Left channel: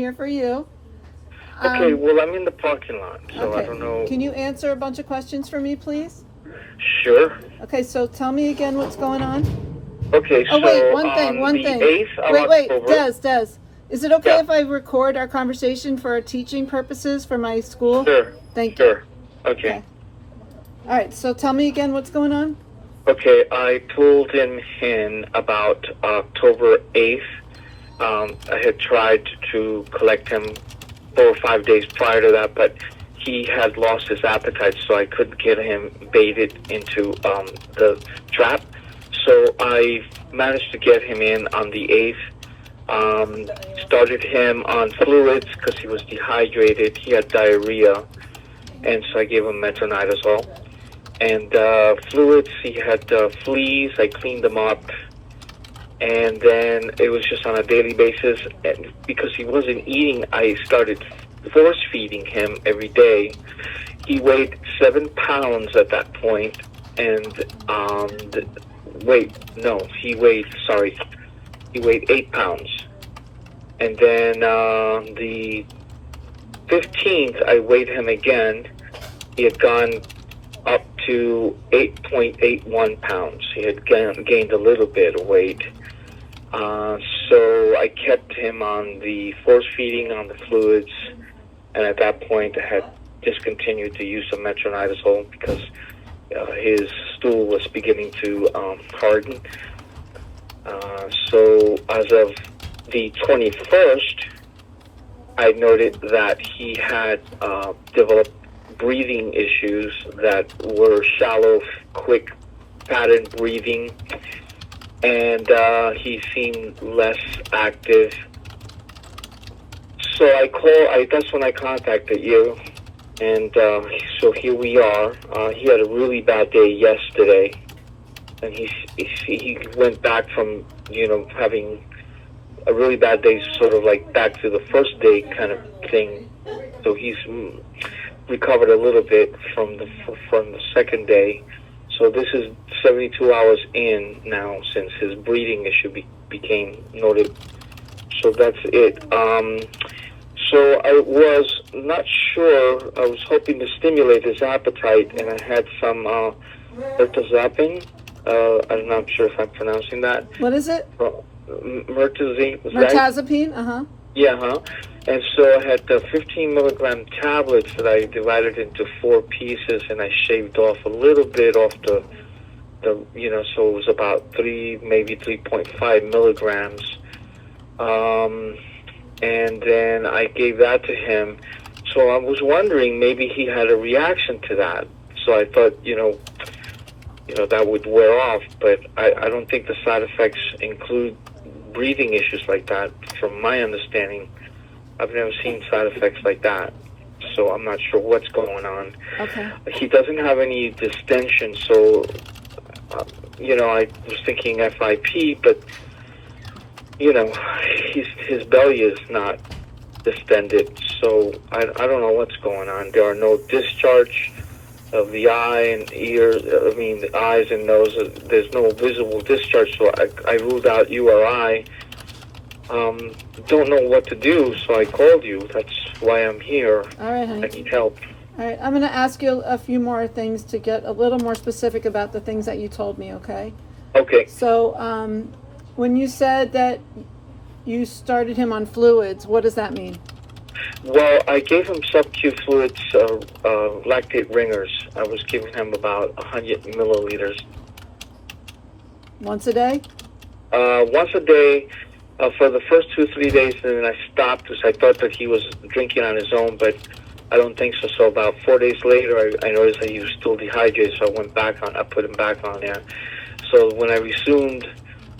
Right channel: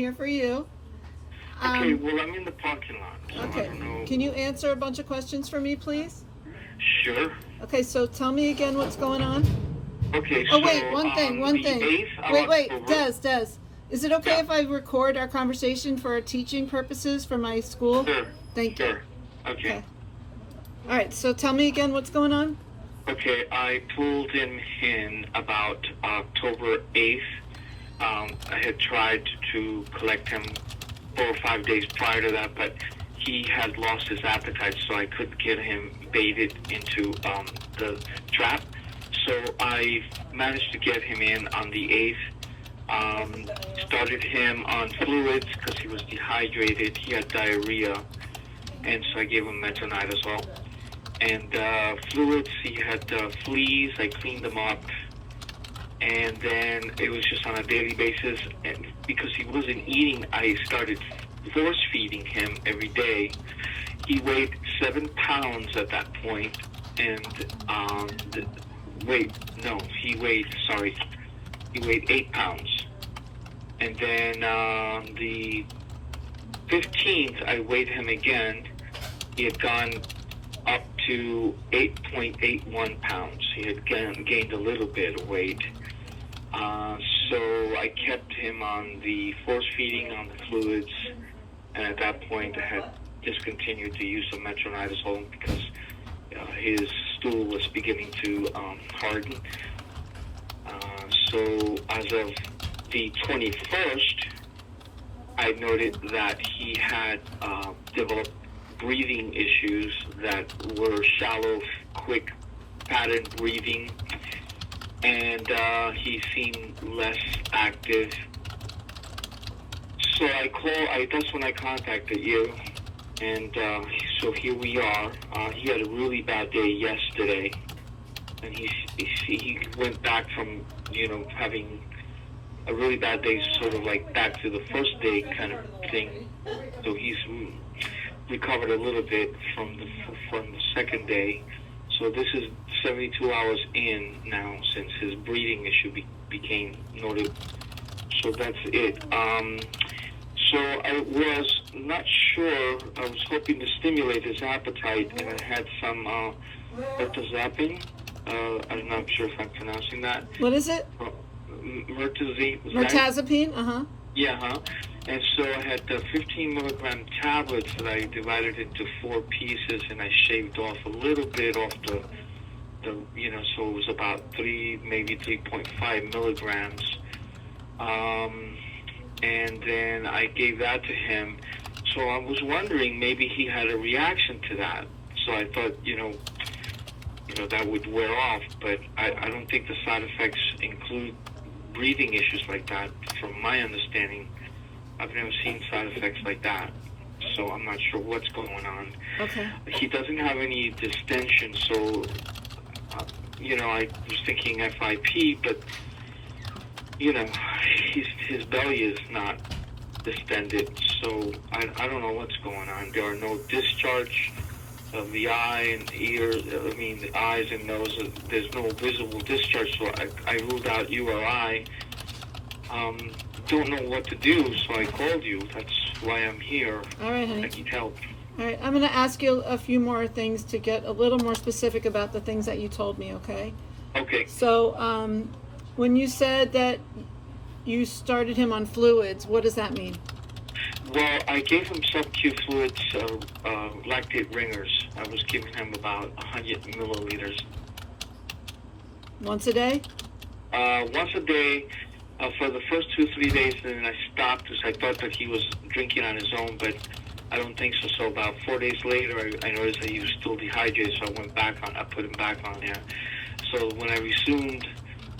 here for you. Okay, well, I'm in the parking lot, so Okay. I don't know. Can you answer a bunch of questions for me, please? Sure. Okay, so tell me again what's going on. Okay, Oh, so wait, one thing. the 8th of Wait, October. Des. Is it okay Yeah. if I record our conversation for teaching purposes for my school? Sure. Thank you. Sure. Okay. All right, so tell me again what's going on. Okay, I pulled him in about October 8th. I had tried to collect him 4 or 5 days prior to that, but he had lost his appetite, so I couldn't get him baited into the trap. So I managed to get him in on the 8th. Started him on fluids because he was dehydrated. He had diarrhea, and so I gave him metronidazole. And fluids, he had fleas. I cleaned them up. And then it was just on a daily basis. And because he wasn't eating, I started force feeding him every day. He weighed 7 pounds at that point. And he weighed 8 pounds. And then the 15th, I weighed him again. He had gone up to 8.81 pounds. He had gained a little bit of weight. So I kept him on the force feeding, on the fluids, and at that point I had discontinued the use of metronidazole because his stool was beginning to harden. So as of the 21st, I noted that he had developed breathing issues that were shallow, quick pattern breathing, and he seemed less active. So that's when I contacted you, and so here we are. He had a really bad day yesterday, and he went back from having a really bad day, sort of like back to the first day kind of thing. So he's recovered a little bit from the second day. So this is 72 hours in now since his breathing issue became noted. So that's it. So I was not sure. I was hoping to stimulate his appetite, and I had some mirtazapine. I'm not sure if I'm pronouncing that. What is it? Mirtazapine. Yeah, And so I had 15 milligram tablets that I divided into 4 pieces, and I shaved off a little bit off the so it was about 3, maybe 3.5 milligrams. And then I gave that to him. So I was wondering maybe he had a reaction to that. So I thought, that would wear off, but I don't think the side effects include breathing issues like that. From my understanding, I've never seen side effects like that, so I'm not sure what's going on. Okay. He doesn't have any distension, so, I was thinking FIP, but, his belly is not distended, so I don't know what's going on. There are no discharge of the eye and ear, the eyes and nose. There's no visible discharge, so I ruled out URI. Don't know what to do, so I called you. That's why I'm here. All right, honey. I need help. All right, I'm going to ask you a few more things to get a little more specific about the things that you told me, okay? Okay. So, when you said that you started him on fluids, what does that mean? Well, I gave him sub-Q fluids, lactate ringers. I was giving him about 100 milliliters. Once a day? Once a day for the first 2-3 days, and then I stopped because I thought that he was drinking on his own, but I don't think so. So about 4 days later, I noticed that he was still dehydrated, so I put him back on there. So when I resumed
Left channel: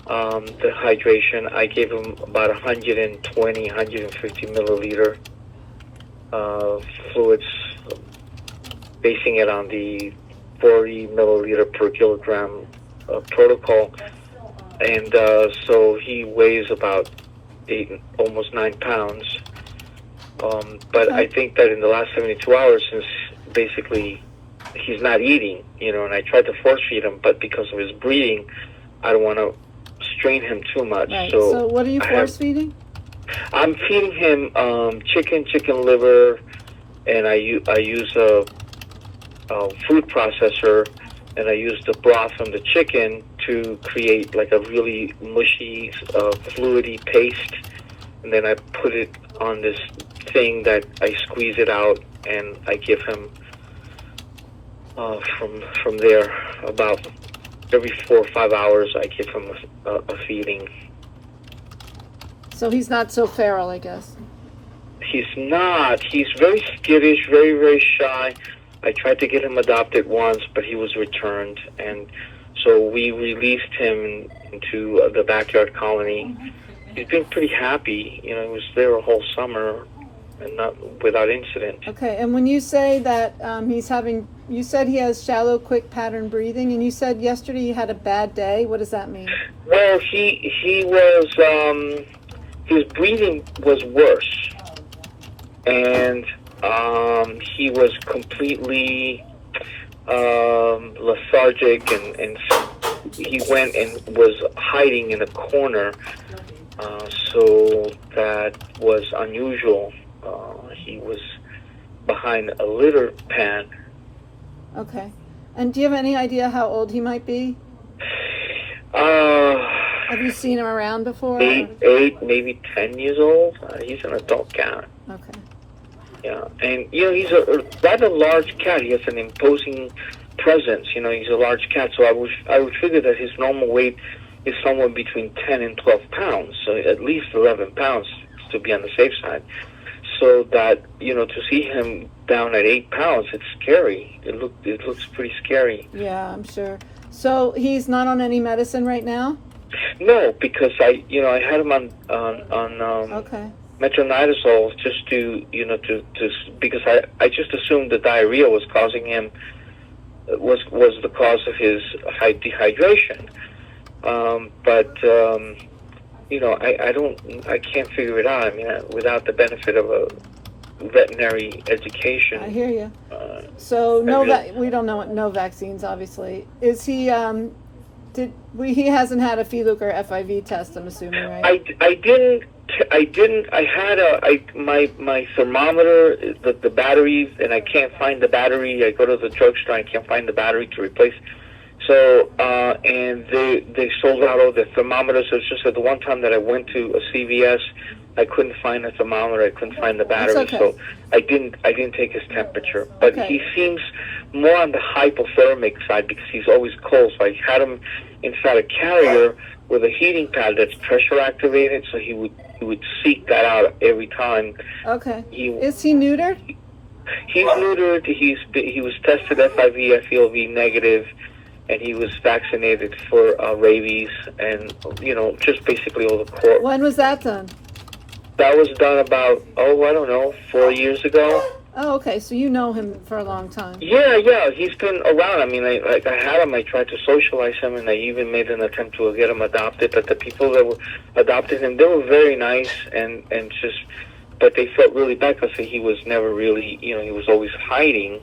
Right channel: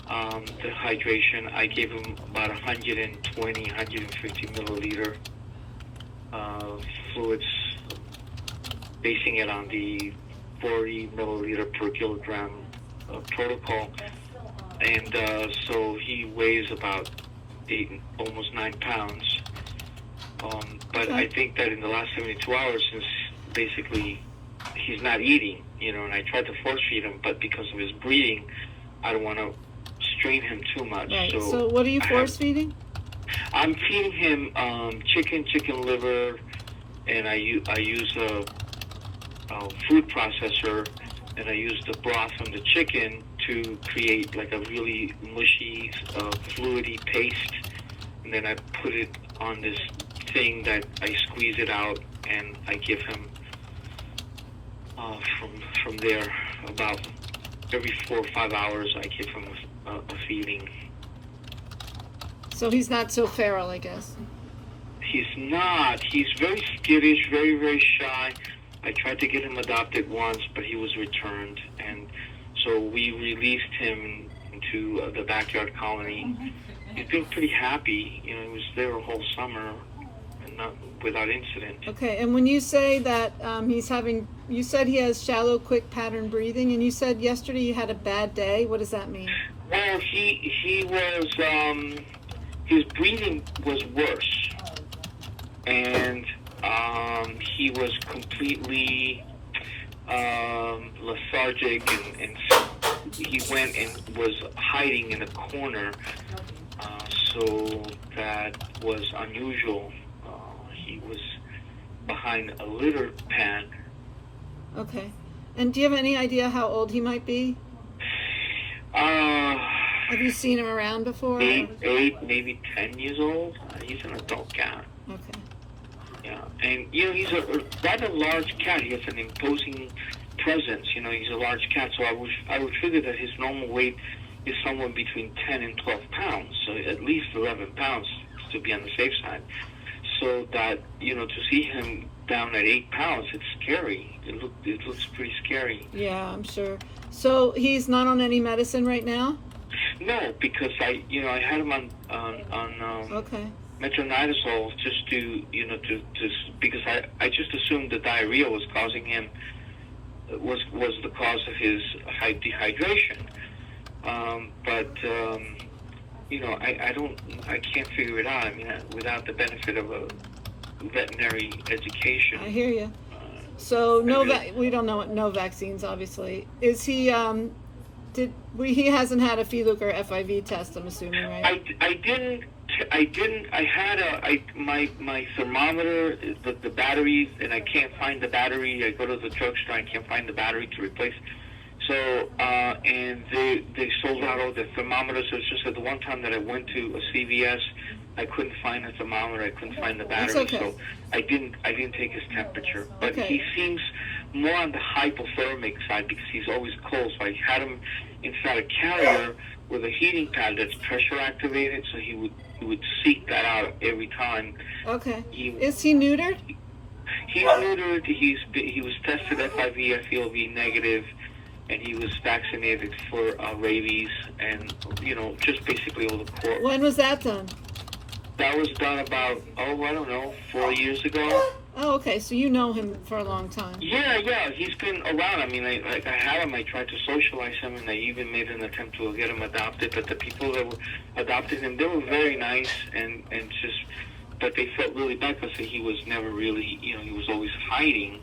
the hydration, I gave him about 120, 150 milliliter fluids, basing it on the 40 milliliter per kilogram protocol. And so he weighs about almost 9 pounds. But I think that in the last 72 hours, since basically he's not eating, and I tried to force feed him, but because of his breathing, I don't want to strain him too much. Right. So what are you force feeding? I'm feeding him chicken liver, and I use a food processor, and I use the broth from the chicken to create like a really mushy, fluidy paste, and then I put it on this thing that I squeeze it out, and I give him from there about every 4 or 5 hours. I give him a feeding. So he's not so feral, I guess. He's not. He's very skittish, very, very shy. I tried to get him adopted once, but he was returned, and so we released him into the backyard colony. He's been pretty happy. You know, he was there a whole summer and not without incident. Okay, and when you say that you said he has shallow, quick pattern breathing, and you said yesterday you had a bad day. What does that mean? Well, he was his breathing was worse, and he was completely lethargic, and he went and was hiding in a corner, so that was unusual. He was behind a litter pan. Okay. And do you have any idea how old he might be? Have you seen him around before? 8, maybe 10 years old. He's an adult cat. Okay. Yeah, and you know, he's a rather large cat. He has an imposing presence. You know, he's a large cat, so I would figure that his normal weight is somewhere between 10 and 12 pounds, so at least 11 pounds to be on the safe side. So that, you know, to see him down at 8 pounds, it's scary. It looks pretty scary. Yeah, I'm sure. So he's not on any medicine right now? No, because I had him on Okay. metronidazole just to because I just assumed the diarrhea was causing him was the cause of his dehydration. But I can't figure it out. I mean, without the benefit of a veterinary education. I hear you. So we don't know no vaccines, obviously. Is he? He hasn't had a FELUC or FIV test, I'm assuming, right? I didn't. I had my thermometer, the battery, and I can't find the battery. I go to the drugstore, I can't find the battery to replace. So, and they sold out all the thermometers. So it's just that the one time that I went to a CVS, I couldn't find a thermometer. I couldn't find the battery. That's okay. So I didn't take his temperature. But Okay. he seems more on the hypothermic side because he's always cold. So I had him inside a carrier with a heating pad that's pressure activated. So he would seek that out every time. Okay. Is he neutered? He's neutered. He was tested FIV, FELV negative, and he was vaccinated for rabies and, just basically all the core. When was that done? That was done about, 4 years ago. Oh, okay. So you know him for a long time. Yeah. He's been around. I mean, I had him. I tried to socialize him, and I even made an attempt to get him adopted. But the people that adopted him, they were very nice, but they felt really bad because he was never really, he was always hiding.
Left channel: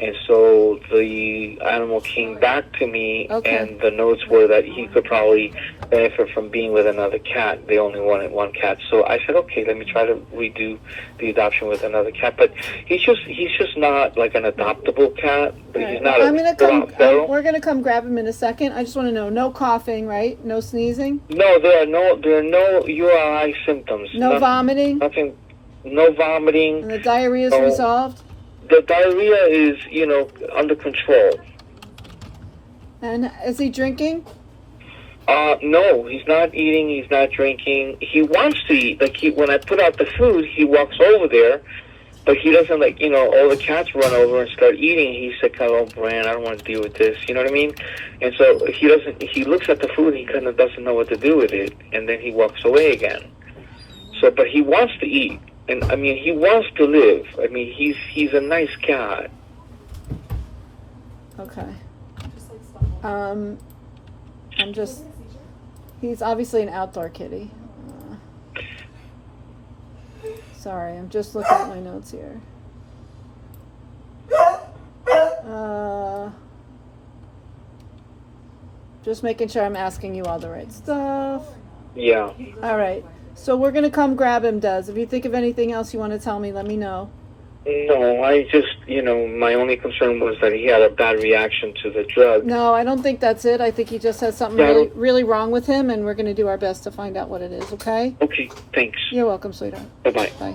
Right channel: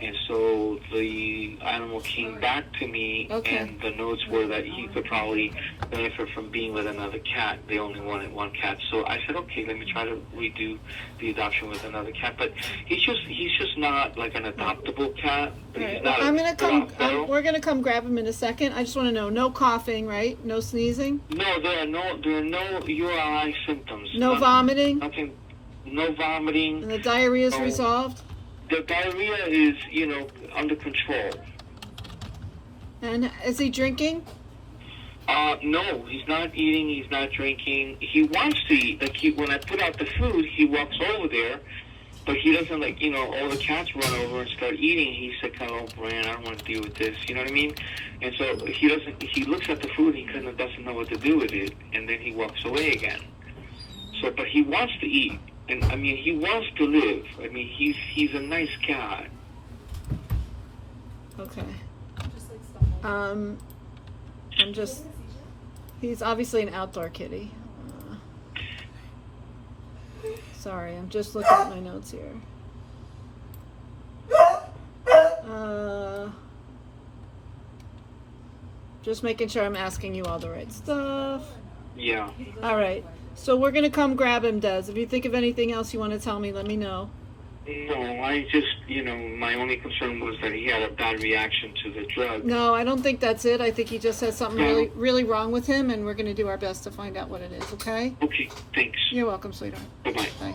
And so the animal came back to me, Okay. and the notes were that he could probably benefit from being with another cat. They only wanted one cat. So I said, okay, let me try to redo the adoption with another cat. But he's just not like an adoptable cat. But All he's right. not I'm gonna come. feral. We're gonna come grab him in a second. I just want to know: no coughing, right? No sneezing. No, there are no URI symptoms. No vomiting. Nothing. No vomiting. And the diarrhea is No. resolved. The diarrhea is, under control. And is he drinking? No, he's not eating, he's not drinking. He wants to eat. Like, when I put out the food, he walks over there, but he doesn't, all the cats run over and start eating. He's like, oh, Bran, I don't want to deal with this. You know what I mean? And so he looks at the food, he kind of doesn't know what to do with it, and then he walks away again. So, but he wants to eat. And, I mean, he wants to live. I mean, he's a nice cat. Okay. He's obviously an outdoor kitty. Sorry, I'm just looking at my notes here. Just making sure I'm asking you all the right stuff. Yeah. All right. So we're gonna come grab him, Des. If you think of anything else you want to tell me, let me know. No, I just, my only concern was that he had a bad reaction to the drug. No, I don't think that's it. I think he just has something Yeah. really, really wrong with him, and we're gonna do our best to find out what it is. Okay? Okay, thanks. You're welcome, sweetheart. Bye-bye. Bye.